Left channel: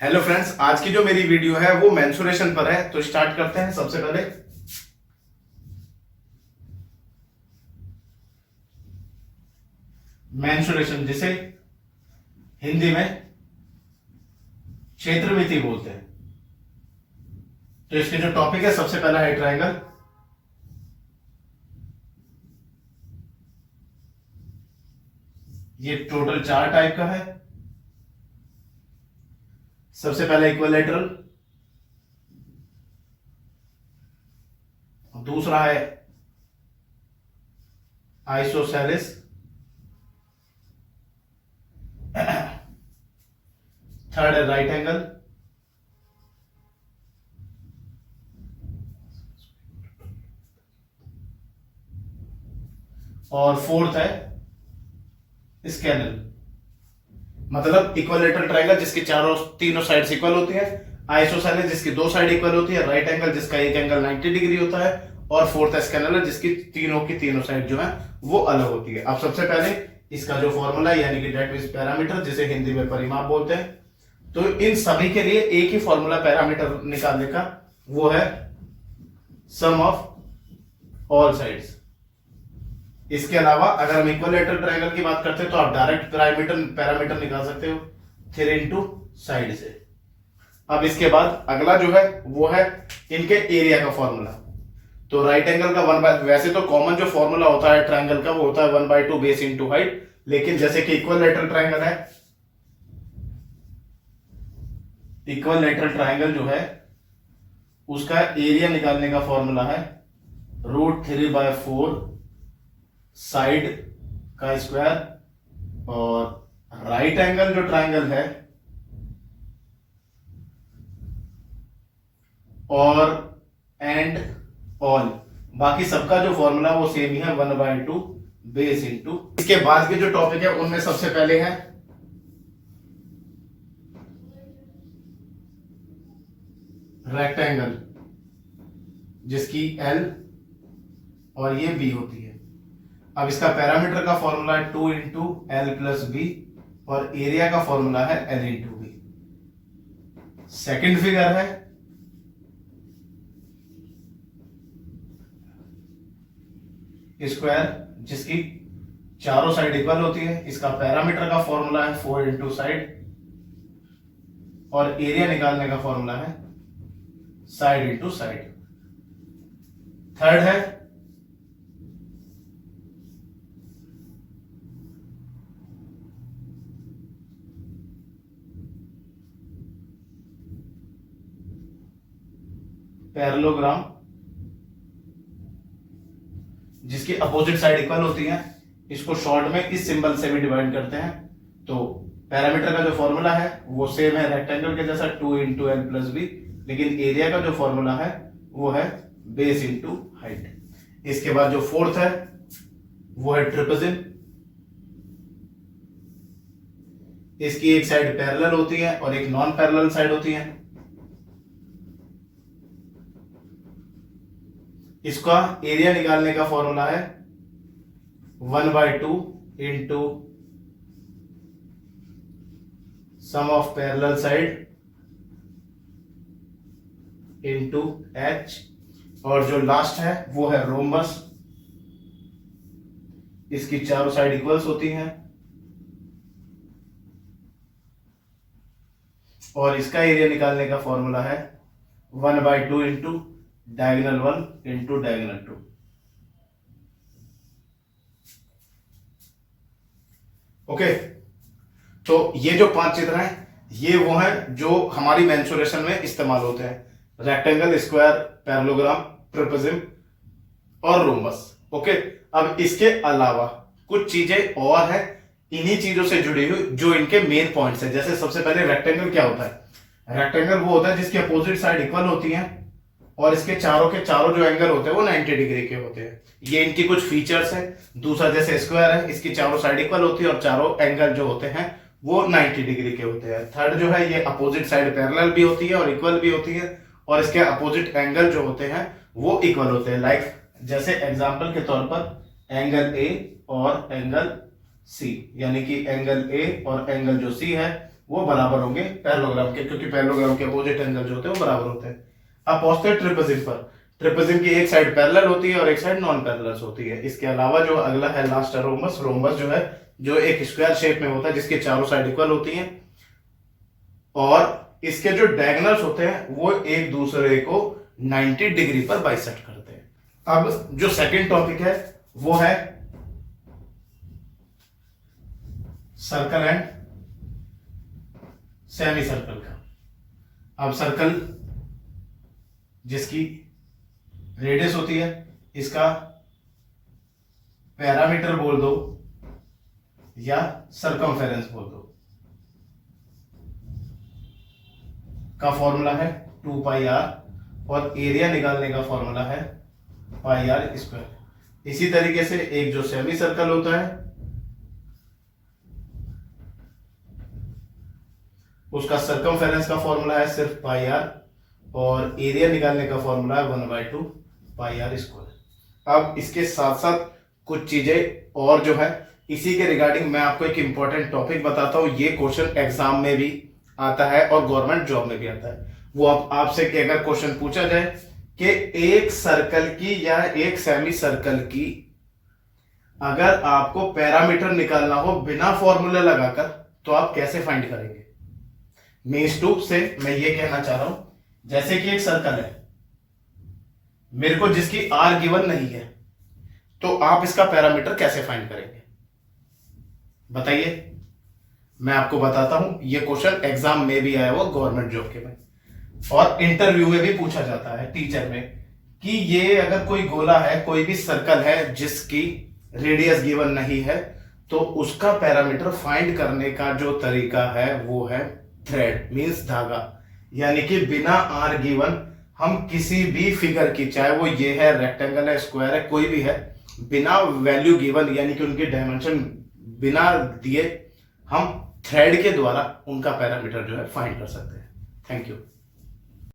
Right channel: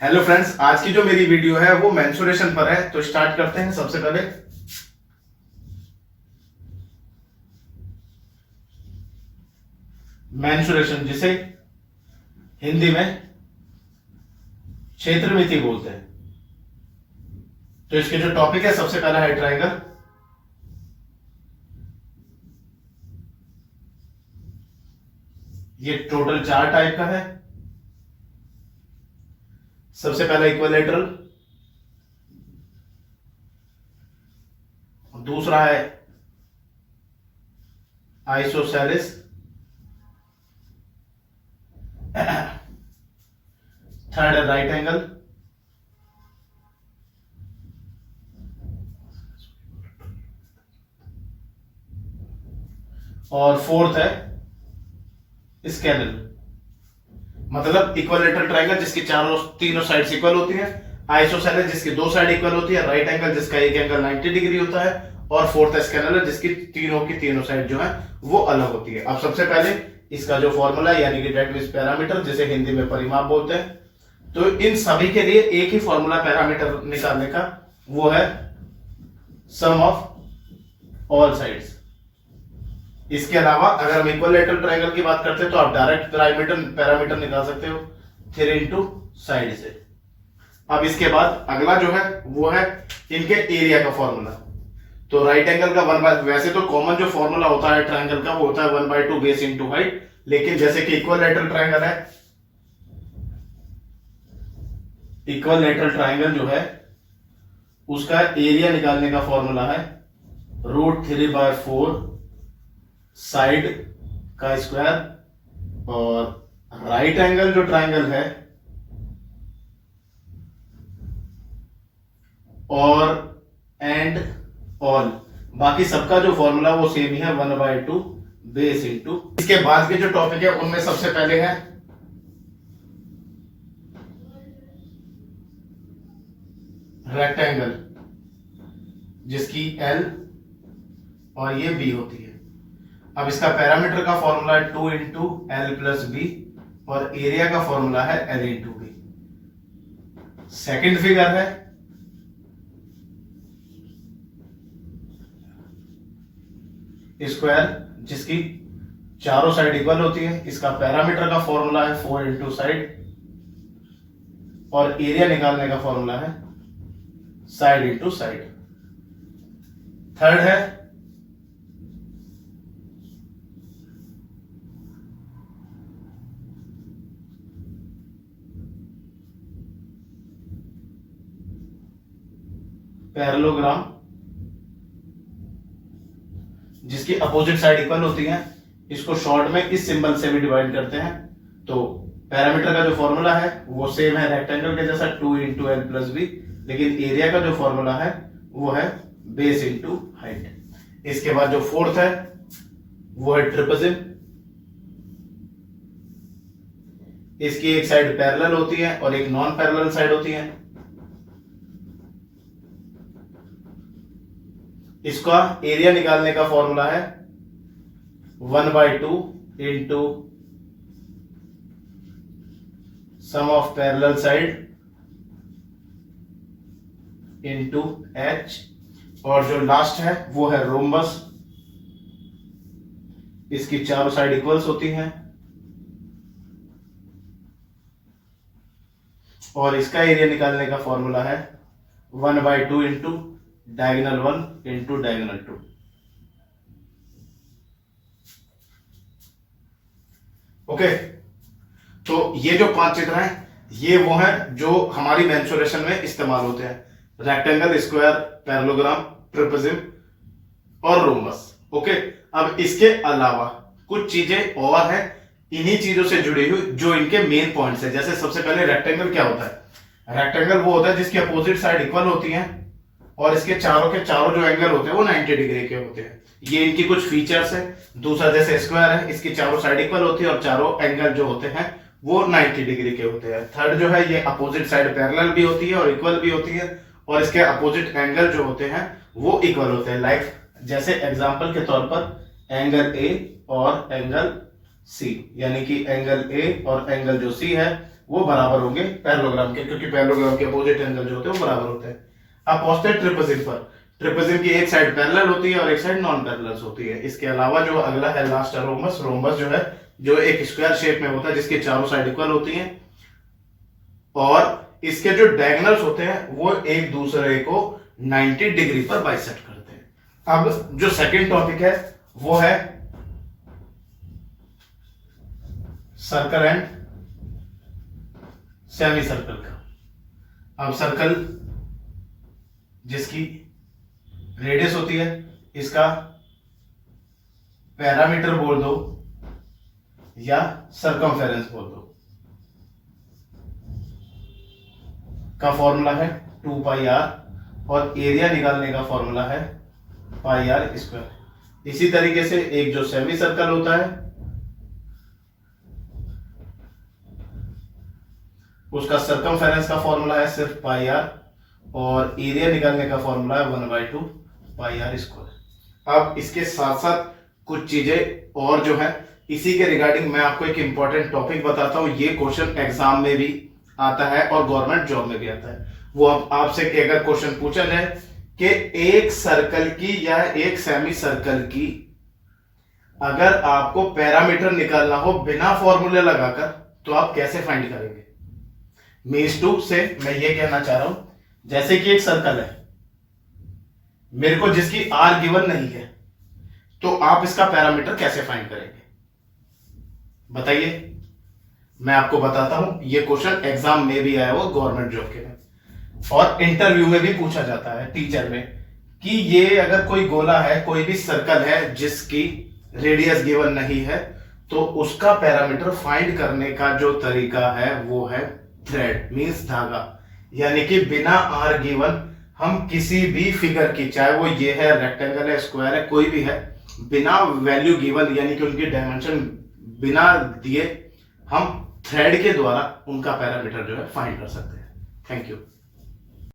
Hello friends, आज की जो मेरी वीडियो है वो मेंसुरेशन पर है। तो स्टार्ट करते हैं। सबसे पहले मेंसुरेशन, जिसे हिंदी में क्षेत्र मिति बोलते हैं। तो इसके जो टॉपिक है, सबसे पहला है ट्रायंगल। ये टोटल 4 टाइप का है। सबसे पहला इक्विलैटरल, दूसरा है आइसोसेलेस, थर्ड है राइट एंगल, और फोर्थ है स्केलर। मतलब इक्विलैटरल ट्रायंगल जिसके तीनों साइड्स इक्वल होती हैं, आइसोसेलेस जिसकी 2 साइड इक्वल होती है, राइट एंगल जिसका एक एंगल 90 डिग्री होता है, और फोर्थ है स्केलर जिसकी तीनों की तीनों साइड जो है वो अलग होती है। अब सबसे पहले इसका जो फॉर्मूला है, यानी कि दैट मींस पैरामीटर, जिसे हिंदी में परिमाप बोलते हैं, तो इन सभी के लिए एक ही फॉर्मूला पैरामीटर निकालने का, वो है सम ऑफ ऑल साइड्स। इसके अलावा अगर हम इक्विलैटरल ट्रायंगल की बात करते हैं तो आप डायरेक्ट पैरामीटर निकाल सकते हो 3 इंटू साइड से। अब इसके बाद अगला जो है वो है इनके एरिया का फॉर्मूला। तो राइट एंगल का वैसे तो कॉमन जो फॉर्मूला होता है ट्रायंगल का वो होता है 1/2 बेस इंटू हाइट, लेकिन जैसे कि इक्विलैटरल ट्रायंगल जो है उसका एरिया निकालने का फॉर्मूला है √3/4 साइड का स्क्वायर, और राइट एंगल जो ट्रायंगल है और एंड ऑल, बाकी सबका जो फॉर्मूला वो सेम ही है 1/2 बेस इंटू। इसके बाद के जो टॉपिक है उनमें सबसे पहले है रेक्टेंगल, जिसकी L और ये B होती है। अब इसका पैरामीटर का फॉर्मूला है 2 इंटू L प्लस बी, और एरिया का फॉर्मूला है L into B. Second figure है स्क्वायर, जिसकी चारों साइड इक्वल होती है। इसका पैरामीटर का फॉर्मूला है 4 इंटू साइड, और एरिया निकालने का फॉर्मूला है साइड इंटू साइड। थर्ड है पैरेललोग्राम, जिसकी अपोजिट साइड इक्वल होती है। इसको शॉर्ट में इस सिंबल से भी डिवाइड करते हैं। तो पैरामीटर का जो फॉर्मूला है वो सेम है रेक्टेंगल के जैसा 2 इंटू एल प्लस बी, लेकिन एरिया का जो फॉर्मूला है वो है बेस इंटू हाइट। इसके बाद जो फोर्थ है वो है ट्रिपेजिम। इसकी एक साइड पैरेलल होती है और एक नॉन पैरेलल साइड होती है। इसका एरिया निकालने का फॉर्मूला है 1/2 into sum of parallel side into H, और जो लास्ट है वो है रोम्बस। इसकी चारों साइड इक्वल्स होती हैं, और इसका एरिया निकालने का फॉर्मूला है 1/2 into diagonal 1 into diagonal 2। Okay, तो ये जो 5 चित्र हैं ये वो हैं जो हमारी मेंसुरेशन में इस्तेमाल होते हैं: रेक्टेंगल, स्क्वायर, पैरेललोग्राम, ट्रिपेजिम और रोम्बस। ओके, अब इसके अलावा कुछ चीजें और हैं इन्हीं चीजों से जुड़ी हुई जो इनके मेन पॉइंट्स हैं। जैसे सबसे पहले रेक्टेंगल क्या होता है? रेक्टेंगल वो होता है जिसकी अपोजिट साइड इक्वल होती हैं और इसके चारों के चारों जो एंगल होते हैं वो 90 डिग्री के होते हैं। ये इनकी कुछ फीचर्स है। दूसरा, जैसे स्क्वायर है, इसकी चारों साइड इक्वल होती है और चारों एंगल जो होते हैं वो 90 डिग्री के होते हैं। थर्ड जो है, ये अपोजिट साइड पैरेलल भी होती है और इक्वल भी होती है, और इसके अपोजिट एंगल जो होते हैं वो इक्वल होते हैं। लाइक जैसे एग्जांपल के तौर पर एंगल ए और एंगल सी, यानी कि एंगल ए और एंगल जो सी है वो बराबर होंगे पैरेललोग्राम के, क्योंकि पैरेललोग्राम के अपोजिट एंगल जो होते हैं वो बराबर होते हैं। अब पहुंचते हैं ट्रिपेजिम पर। ट्रिपेजिम की एक साइड पैरेलल होती है और एक साइड नॉन पैरेलल होती है। इसके अलावा जो अगला है लास्ट है रोम्बस। रोम्बस जो है जो एक स्क्वायर शेप में होता है जिसके चारों साइड इक्वल होती हैं और इसके जो डायगोनल्स होते हैं वो एक दूसरे को 90 डिग्री पर बाइसेक्ट करते हैं। अब जो सेकंड टॉपिक है वो है सर्कल एंड सेमी सर्कल का। अब सर्कल जिसकी रेडियस होती है इसका पैरामीटर बोल दो या सरकमफेरेंस बोल दो, का फॉर्मूला है 2 पाई आर और एरिया निकालने का फॉर्मूला है पाई आर स्क्वायर। इसी तरीके से एक जो सेमी सर्कल होता है उसका सरकमफेरेंस का फॉर्मूला है सिर्फ पाई आर और एरिया निकालने का फॉर्मूला है 1/2 पाई आर स्क्वायर। अब इसके साथ साथ कुछ चीजें और जो है इसी के रिगार्डिंग मैं आपको एक इंपॉर्टेंट टॉपिक बताता हूं। ये क्वेश्चन एग्जाम में भी आता है और गवर्नमेंट जॉब में भी आता है। वो आपसे अगर क्वेश्चन पूछा जाए कि एक सर्कल की या एक सेमी सर्कल की अगर आपको पैरामीटर निकालना हो बिना फॉर्मूले लगाकर तो आप कैसे फाइंड करेंगे। मीन्स टू से मैं ये कहना चाह रहा हूं जैसे कि एक सर्कल है मेरे को जिसकी आर गिवन नहीं है तो आप इसका पैरामीटर कैसे फाइंड करेंगे बताइए। मैं आपको बताता हूं ये क्वेश्चन एग्जाम में भी आया हुआ गवर्नमेंट जॉब के में और इंटरव्यू में भी पूछा जाता है टीचर में कि ये अगर कोई गोला है कोई भी सर्कल है जिसकी रेडियस गिवन नहीं है तो उसका पैरामीटर फाइंड करने का जो तरीका है वो है थ्रेड मींस धागा। यानी कि बिना आर गिवन हम किसी भी फिगर की चाहे वो ये है रेक्टेंगल है स्क्वायर है कोई भी है बिना वैल्यू गिवन यानी कि उनकी डायमेंशन बिना दिए हम थ्रेड के द्वारा उनका पैरामीटर जो है फाइंड कर सकते हैं। Thank you.